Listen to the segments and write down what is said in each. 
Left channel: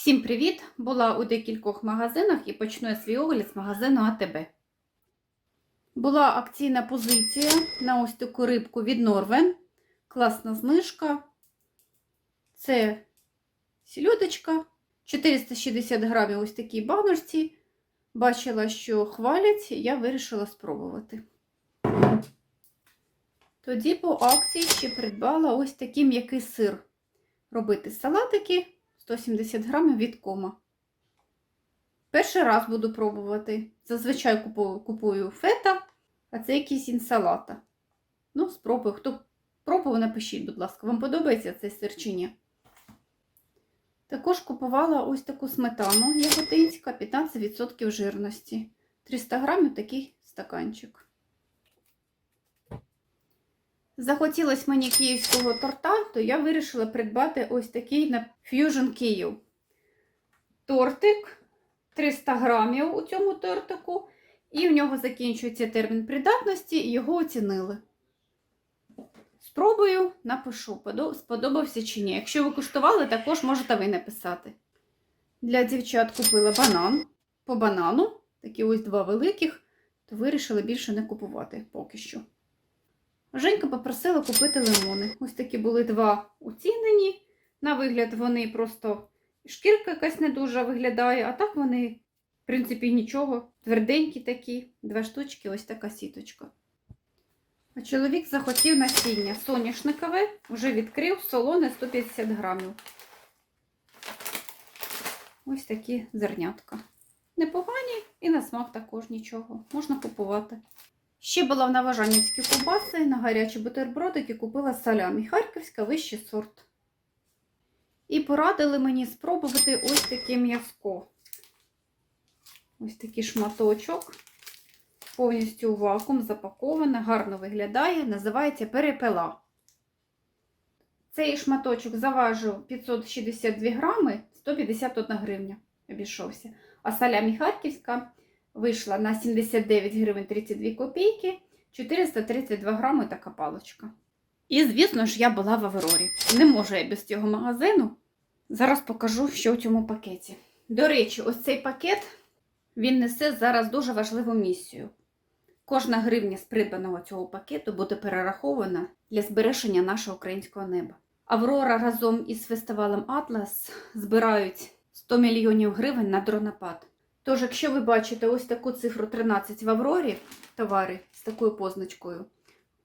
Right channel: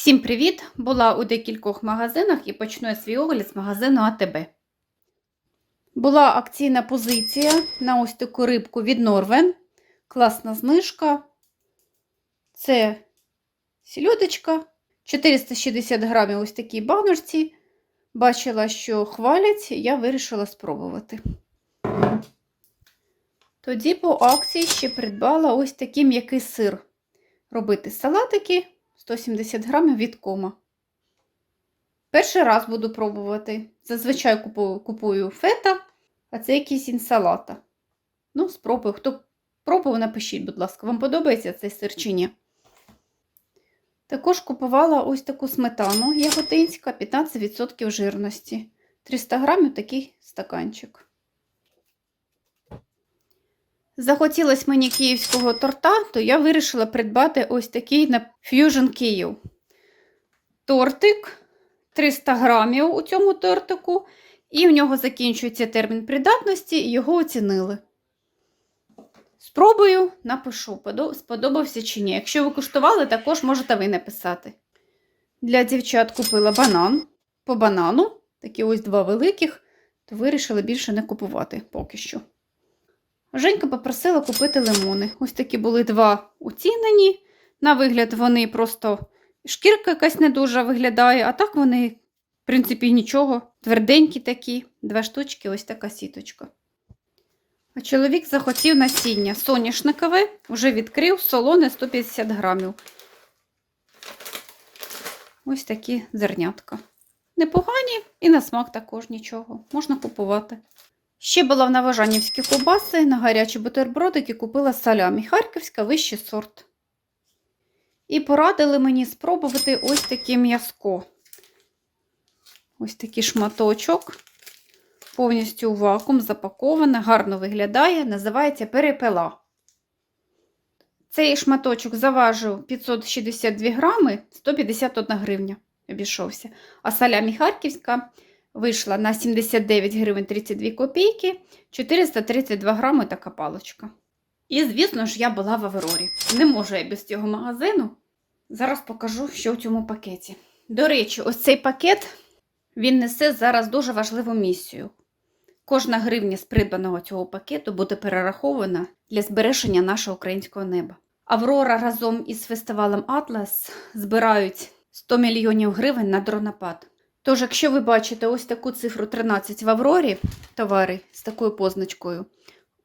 Всім привіт! Була у декількох магазинах і почну свій огляд з магазину АТБ. Була акційна позиція на ось таку рибку від Норвен. Класна знижка. Це сільодочка. 460 грамів ось такій баночці. Бачила, що хвалять, я вирішила спробувати. Тоді по акції ще придбала ось такий м'який сир. Робити салатики 170 грамів від кома. Перший раз буду пробувати. Зазвичай купую, купую фета, а це якийсь інсалата. Ну, спробую. Хто пробував, напишіть, будь ласка, вам подобається цей сир чи ні. Також купувала ось таку сметану яготинська, 15% жирності. 300 грамів такий стаканчик. Захотілося мені київського торта, то я вирішила придбати ось такий на Fusion Київ. Тортик 300 грамів у цьому тортику, і в нього закінчується термін придатності, його оцінили. Спробую, напишу, сподобався чи ні. Якщо ви куштували, також можете ви написати. Для дівчат купила банан по банану, такі ось два великих, то вирішила більше не купувати поки що. Женька попросила купити лимони. Ось такі були два оцінені. На вигляд, вони просто шкірка якась не дуже виглядає, а так вони, в принципі, нічого. Тверденькі такі, два штучки, ось така сіточка. А чоловік захотів насіння соняшникове, вже відкрив солоне 150 грамів. Ось такі зернятка. Непогані і на смак також нічого. Можна купувати. Ще була в Новожанівській ковбаси на гарячі бутербродики купила салямі. Харківська вищий сорт. І порадили мені спробувати ось таке м'язко. Ось такий шматочок. Повністю вакуум запаковане, гарно виглядає, називається перепела. Цей шматочок заважив 562 грами, 151 гривня обійшовся. А салямі харківська вийшла на 79 гривень 32 копійки, 432 грами така палочка. І, звісно ж, я була в Аврорі. Не можу я без цього магазину. Зараз покажу, що в цьому пакеті. До речі, ось цей пакет він несе зараз дуже важливу місію. Кожна гривня з придбаного цього пакету буде перерахована для збереження нашого українського неба. Аврора разом із фестивалем Атлас збирають 100 мільйонів гривень на дронопад. Тож, якщо ви бачите ось таку цифру 13 в Аврорі, товари з такою позначкою,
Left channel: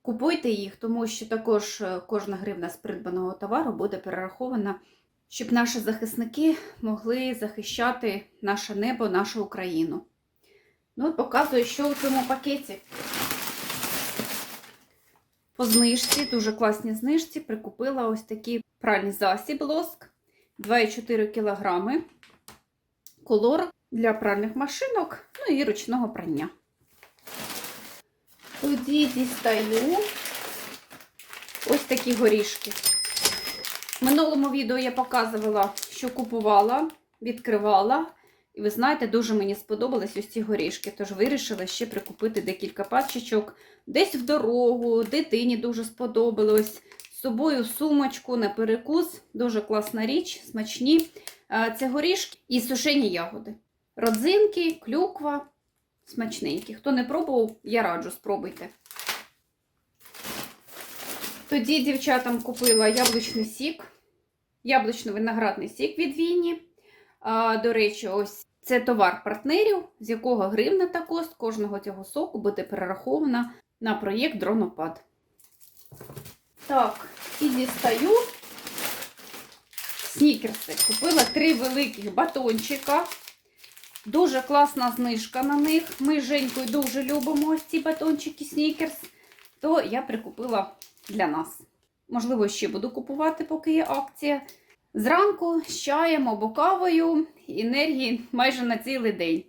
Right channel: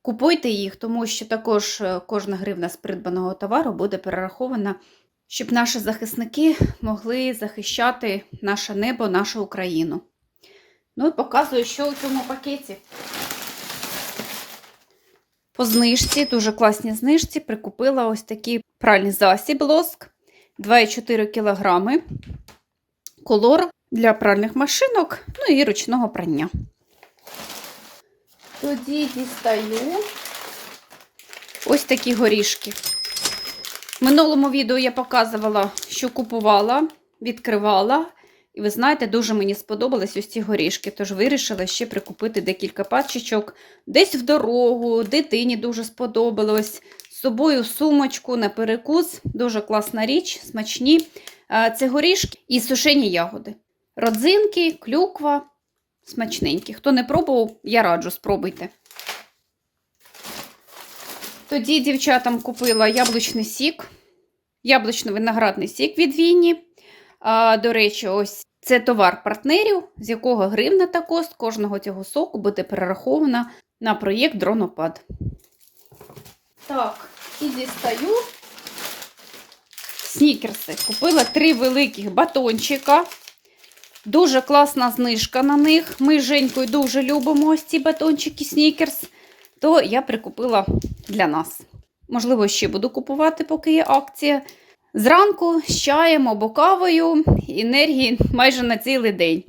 купуйте їх, тому що також кожна гривна з придбаного товару буде перерахована, щоб наші захисники могли захищати наше небо, нашу Україну. Ну і показую, що у цьому пакеті. По знижці, дуже класній знижці, прикупила ось такий пральний засіб лоск 2,4 кг. Колор для пральних машинок, ну і ручного прання. Тоді дістаю ось такі горішки. В минулому відео я показувала, що купувала, відкривала. І ви знаєте, дуже мені сподобались ось ці горішки, тож вирішила ще прикупити декілька пачечок. Десь в дорогу, дитині дуже сподобалось. З собою сумочку на перекус. Дуже класна річ, смачні. Це горішки і сушені ягоди. Родзинки, клюква, смачненькі. Хто не пробував, я раджу, спробуйте. Тоді дівчатам купила яблучний сік, яблучно-виноградний сік від Віні. А, До речі, ось це товар партнерів, з якого гривна та кост кожного цього соку буде перерахована на проєкт Дронопад. Так, і дістаю снікерси. Купила три великих батончика. Дуже класна знижка на них. Ми з Женькою дуже любимо ось ці батончики снікерс, то я прикупила для нас. Можливо, ще буду купувати, поки є акція. Зранку з чаєм або кавою енергії майже на цілий день.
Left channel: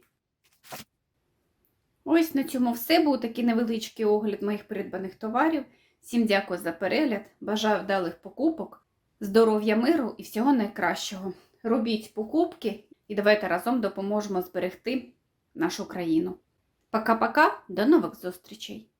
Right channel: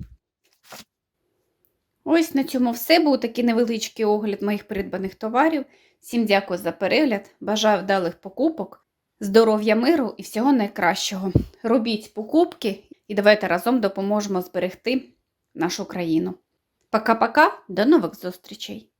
Ось на цьому все. Був такий невеличкий огляд моїх придбаних товарів. Всім дякую за перегляд. Бажаю вдалих покупок, здоров'я миру і всього найкращого. Робіть покупки і давайте разом допоможемо зберегти нашу країну. Пока-пока, до нових зустрічей!